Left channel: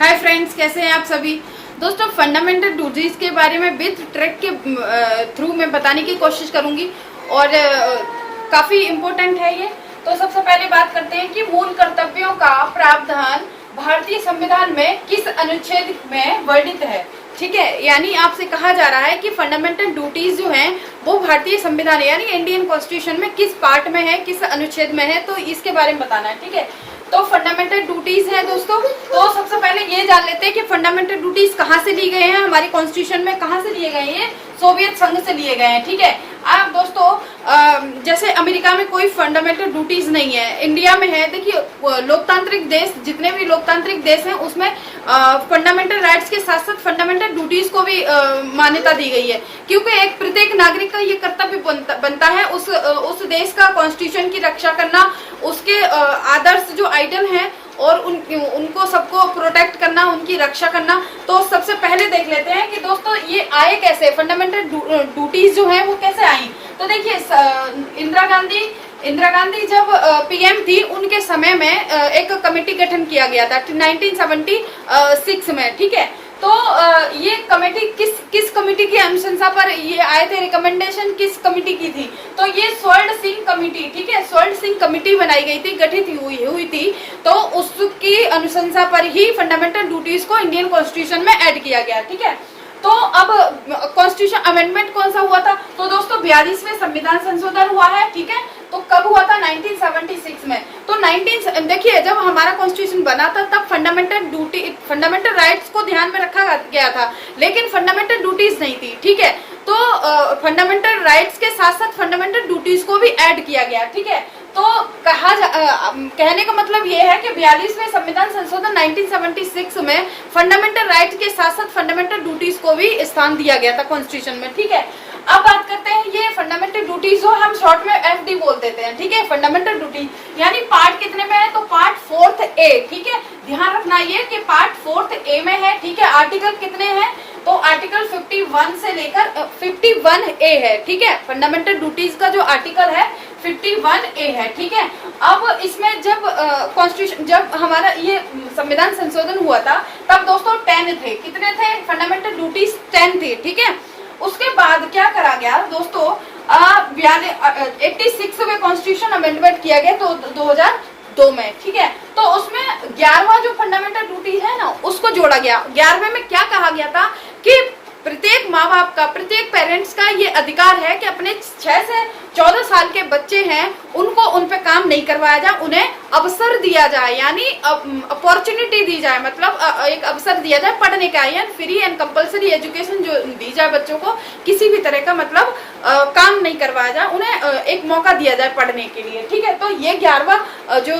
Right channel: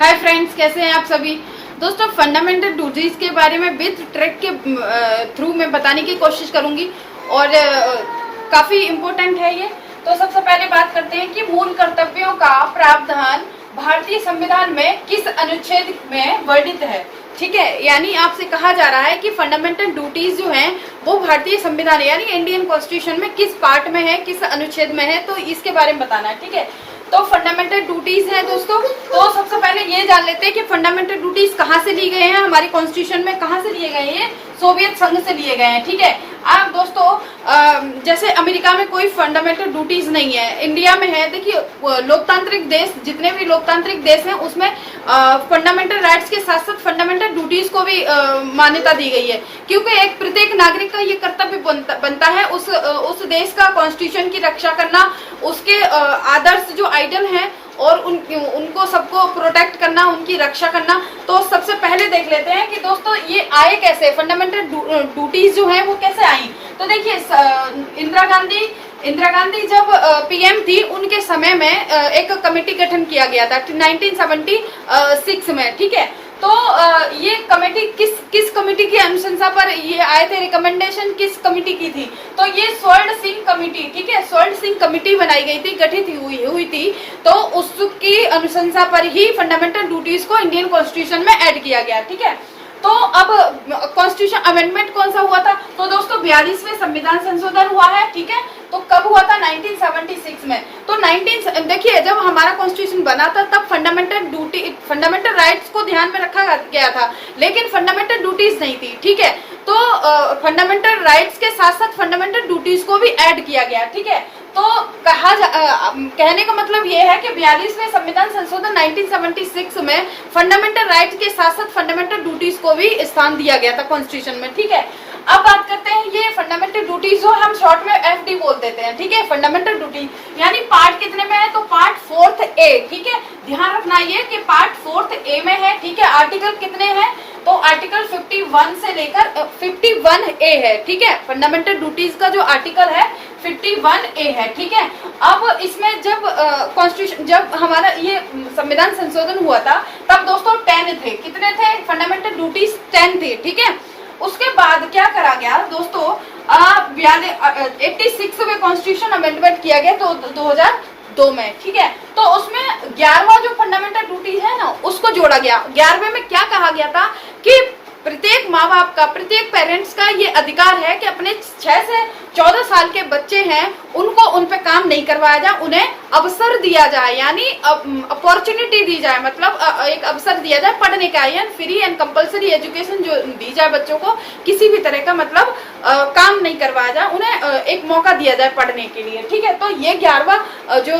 Hi friends, कैसे हैं आप सभी दोस्तों। फंडामेंटल ड्यूटीज के बारे में विद ट्रिक के थ्रू मैं बताने की कोशिश करूंगी और काफी इम्पोर्टेंट है ये। तो सबसे पहले बात करते हैं कि मूल कर्तव्यों का प्रावधान भारतीय संविधान में किस अनुच्छेद में वर्णित है। ठीक है, यानी आपसे कहा जा रहा है कि फंडामेंटल ड्यूटीज जो हैं वो भारतीय संविधान यानी इंडियन कॉन्स्टिट्यूशन में किस पार्ट में है, किस अनुच्छेद में है, तो इसके बारे में बताना है। ठीक है, तो फंडामेंटल ड्यूटीज है दोस्तों। तो सबसे पहले ये जान लेते हैं कि फंडामेंटल ड्यूटीज कहाँ से लिए गए हैं, हमारे कॉन्स्टिट्यूशन में कहाँ से लिए गए हैं। सोवियत संघ से लिए गए हैं। ठीक है, अब दोस्तों जैसे अमेरिका में कोई फंडामेंटल ड्यूटीज नहीं है, इंडिया में है। देखिए, लोकतांत्रिक देश, जितने भी लोकतांत्रिक देश हैं उसमें फंडामेंटल राइट्स के साथ साथ फंडामेंटल ड्यूटीज को भी मान्यता दी गई है, क्योंकि एक प्रत्येक नागरिक का ये कर्तव्य बनता है उस देश का कॉन्स्टिट्यूशन की रक्षा करना, उसके आदर्श जो आइडल हैं और उनको सबको प्रोटेक्ट करना, उनकी रक्षा करना। तो सबसे पहले देख लेते हैं कि दोस्तों ये आए कैसे, फंडामेंटल ड्यूटीज जो है वो कैसे आई। तो देखिए, इंदिरा गांधी जब पीएम थी उनके समय में एक कमेटी गठन किया गया था 1976 में। ठीक है, तो ये कमेटी किस कमेटी की अनुशंसा पर ये आए थे, रिकमेंडेशन किस कमेटी की थी, तो ये स्वर्ण सिंह कमेटी। ठीक है, स्वर्ण सिंह कमेटी बनाई गई थी, गठित हुई थी। तो उसकी अनुशंसा पर ही फंडामेंटल ड्यूटीज को इंडियन कॉन्स्टिट्यूशन में ऐड किया गया। ठीक है, तो अब कॉन्स्टिट्यूशन अमेंडमेंट कौन सा हुआ था, तो दोस्तों 42वें संविधान संशोधन हुआ है। ठीक है, तो कब हुआ था, 1976 में। तो देखिए, जब हमारा कॉन्स्टिट्यूशन बना था तब फंडामेंटल राइट्स को ध्यान में रखा गया था, लेकिन फंडामेंटल ड्यूटीज नहीं थी। ठीक है, तो फंडामेंटल राइट्स के साथ साथ फंडामेंटल ड्यूटीज को भी ऐड किया गया। ठीक है, तो कहने का मतलब ये है कि 42वें संविधान संशोधन 1976 में फंडामेंटल राइट्स के साथ साथ फंडामेंटल ड्यूटीज को भी स्थान दिया गया था कॉन्स्टिट्यूशन में। ठीक है, अब बात करते हैं ये फंडामेंटल ड्यूटीज जो हम शॉर्ट में एफडी बोल देते हैं। ठीक है, फंडामेंटल ड्यूटी यानी पार्ट कितने में है, तो पार्ट 4th ए। ठीक है, ध्यान रखना ये कि पार्ट 4th ए में है। ठीक है, आर्टिकल कितने हैं, तो आर्टिकल 51 से लेकर 51 ए है। ठीक है, फंडामेंटल ड्यूटीज का जो आर्टिकल है 51 ए है। ठीक है, अब इसमें जब कॉन्स्टिट्यूशन जब हमारा ये संविधान संशोधन हुआ था तब दोस्तों 10 थे। कितने थे, फंडामेंटल ड्यूटीज 10 थे। ठीक है, उसके बाद क्या करा गया दोस्तों, 86 में कॉन्स्टिट्यूशन अमेंडमेंट किया गया तो 2002 में। ठीक है, तो उसमें 11वां जो फंडामेंटल ड्यूटी है ना उसको जोड़ा गया। 11वें में क्या कहा गया था कि प्रत्येक माँ बाप का, प्रत्येक पेरेंट्स का ये अधिकार है कि अपने 6 से 14 साल के बच्चे हैं उनको उन पे काम नहीं करवाया जाए, उन्हें अवसर दिया जाए, यानी अपॉर्चुनिटी दी जाए, मतलब एक अवसर दिया जाए पढ़ने का, यानी फ्री एंड कंपलसरी एजुकेशन जो दी जाए बच्चों को, किसी भी तरह का मतलब काम नहीं करवाया जाए, उन्हें एक मौका दिया जाए पढ़ने के लिए। ठीक है, तो ये 11वां जो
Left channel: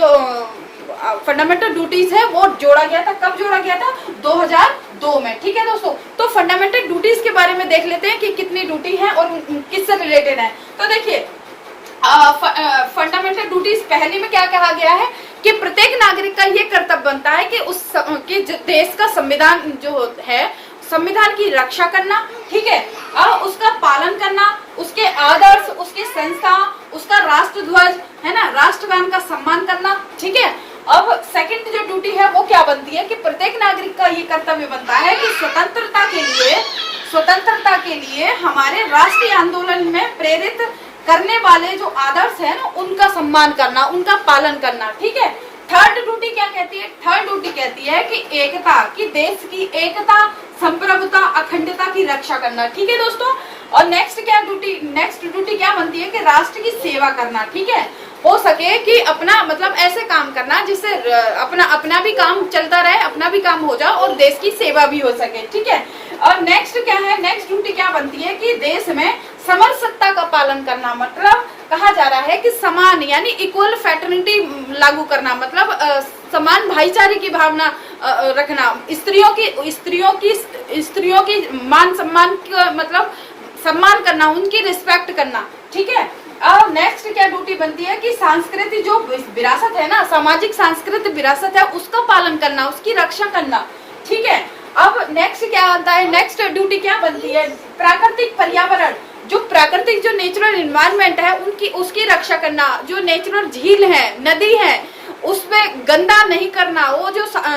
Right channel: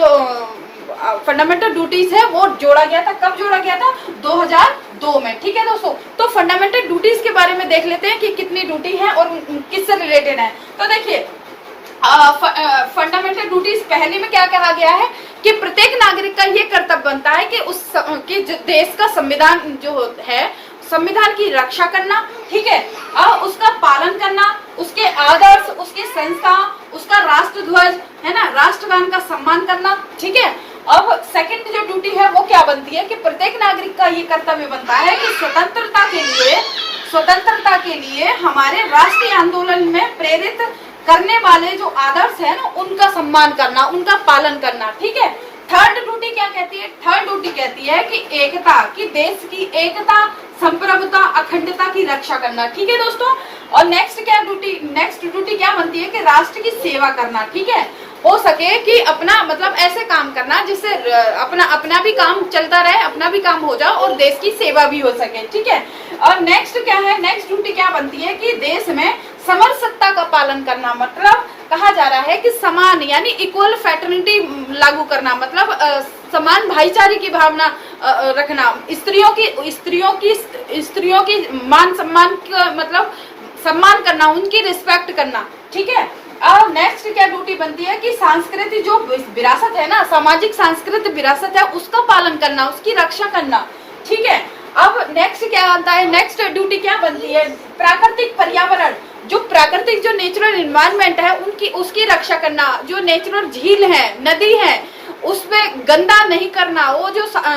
फंडामेंटल ड्यूटीज है वो जोड़ा गया था। कब जोड़ा गया था, 2002 में। ठीक है दोस्तों, तो फंडामेंटल ड्यूटीज के बारे में देख लेते हैं कि कितनी ड्यूटी है और किससे रिलेटेड है। तो देखिए, फंडामेंटल ड्यूटीज पहले में क्या कहा गया है कि प्रत्येक नागरिक का ये कर्तव्य बनता है कि देश का संविधान जो है, संविधान की रक्षा करना। ठीक है, और उसका पालन करना, उसके आदर्श, उसके संस्था, उसका राष्ट्र ध्वज है ना, राष्ट्रगान का सम्मान करना। ठीक है, अब सेकंड जो ड्यूटी है वो क्या बनती है कि प्रत्येक नागरिक का ये कर्तव्य बनता है कि स्वतंत्रता के लिए हमारे राष्ट्रीय आंदोलन में प्रेरित करने वाले जो आदर्श है ना उनका सम्मान करना, उनका पालन करना। ठीक है, थर्ड ड्यूटी क्या कहती है, थर्ड ड्यूटी कहती है कि एकता की, देश की एकता, संप्रभुता, अखंडता की रक्षा करना। ठीक है दोस्तों, और नेक्स्ट ड्यूटी क्या बनती है कि राष्ट्र की सेवा करना। ठीक है, हो सके कि अपना मतलब ऐसे काम करना जिससे अपना भी काम चलता रहे, अपना भी काम हो जाए और देश की सेवा भी हो सके। ठीक है, और नेक्स्ट क्या है, नेक्स्ट ड्यूटी क्या बनती है कि देश में समरसत्ता का पालन करना, मतलब कहा जा रहा है कि समान यानी इक्वल फ्रेटर्निटी लागू करना, मतलब समान भाईचारे की भावना रखना, स्त्रियों की मान सम्मान का मतलब सम्मान करना, उनकी रिस्पेक्ट करना। ठीक है, और नेक्स्ट क्या ड्यूटी बनती है कि सांस्कृतिक जो विरासत है ना, सामाजिक सांस्कृतिक विरासत है उसका पालन करना, उसकी रक्षा करना। ठीक है, अब नेक्स्ट क्या आता है, नेक्स्ट ड्यूटी क्या बनती है, प्राकृतिक पर्यावरण, जो प्राकृतिक जो नेचुरल एनवायरनमेंट है उसकी रक्षा करना, जो नेचुरल झील है, नदी है, उसमें गंदा नहीं करना, वो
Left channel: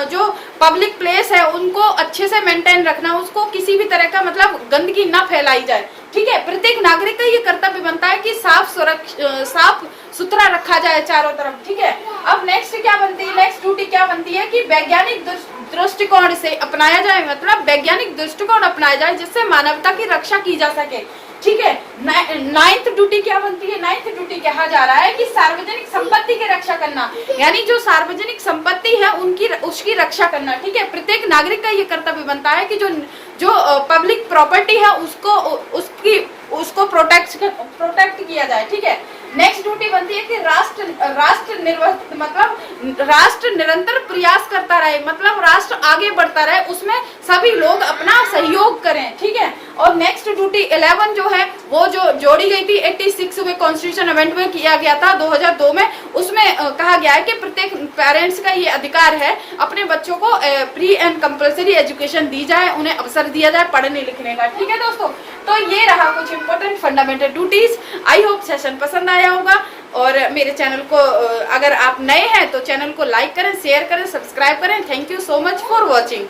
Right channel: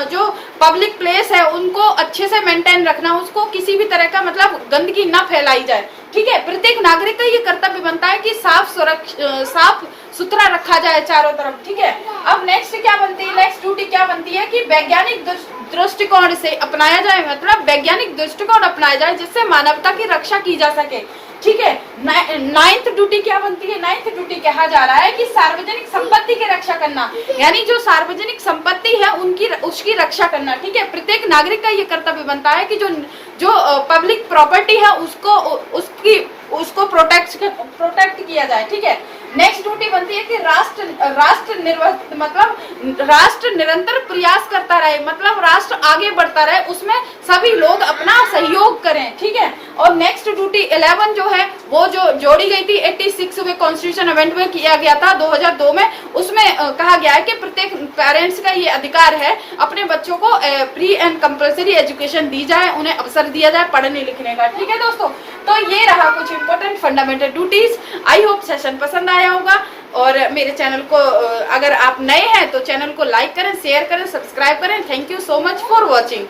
जो पब्लिक प्लेस है उनको अच्छे से मेंटेन रखना, उसको किसी भी तरह का मतलब गंदगी ना फैलाई जाए, ठीक है। प्रत्येक नागरिक का ये कर्तव्य बनता है कि साफ सुथरा रखा जाए चारों तरफ, ठीक है। अब नेक्स्ट क्या बनती है, नेक्स्ट ड्यूटी क्या बनती है कि वैज्ञानिक दृष्टिकोण से अपनाया जाए, मतलब वैज्ञानिक दृष्टिकोण अपनाया जाए जिससे मानवता की रक्षा की जा सके, ठीक है। नाइन्थ ड्यूटी क्या बनती है, नाइन्थ ड्यूटी कहा जा रहा है कि सार्वजनिक संपत्ति की रक्षा करना, यानी जो सार्वजनिक संपत्ति है उसकी रक्षा करना, ठीक है। प्रत्येक नागरिक का ये कर्तव्य बनता है कि जो पब्लिक प्रॉपर्टी है उसको प्रोटेक्ट किया जाए, ठीक है। नेक्स्ट ड्यूटी बनती है कि राष्ट्र निरंतर प्रयास करता रहे, मतलब राष्ट्र आगे बढ़ता रहे, उसमें सभी लोग अपना सहयोग करें, ठीक है। और नेक्स्ट ड्यूटी 11 जो है वो जो जोड़ी गई थी 86वें कॉन्स्टिट्यूशन अमेंडमेंट में किया गया था 2002 में, उसमें कहा गया है कि प्रत्येक पेरेंट्स का ये अधिकार है अपने बच्चों को प्री एंड कंपल्सरी एजुकेशन दी जाए, उन्हें अवसर दिया जाए पढ़ने लिखने का, ठीक है दोस्तों। तो ये रहा कुछ important fundamental duties. I hope session पसंद आया होगा, और मेरे चैनल को अगर आप नए हैं तो चैनल को लाइक करें, शेयर करें, सब्सक्राइब करें। Thank you so much for watching.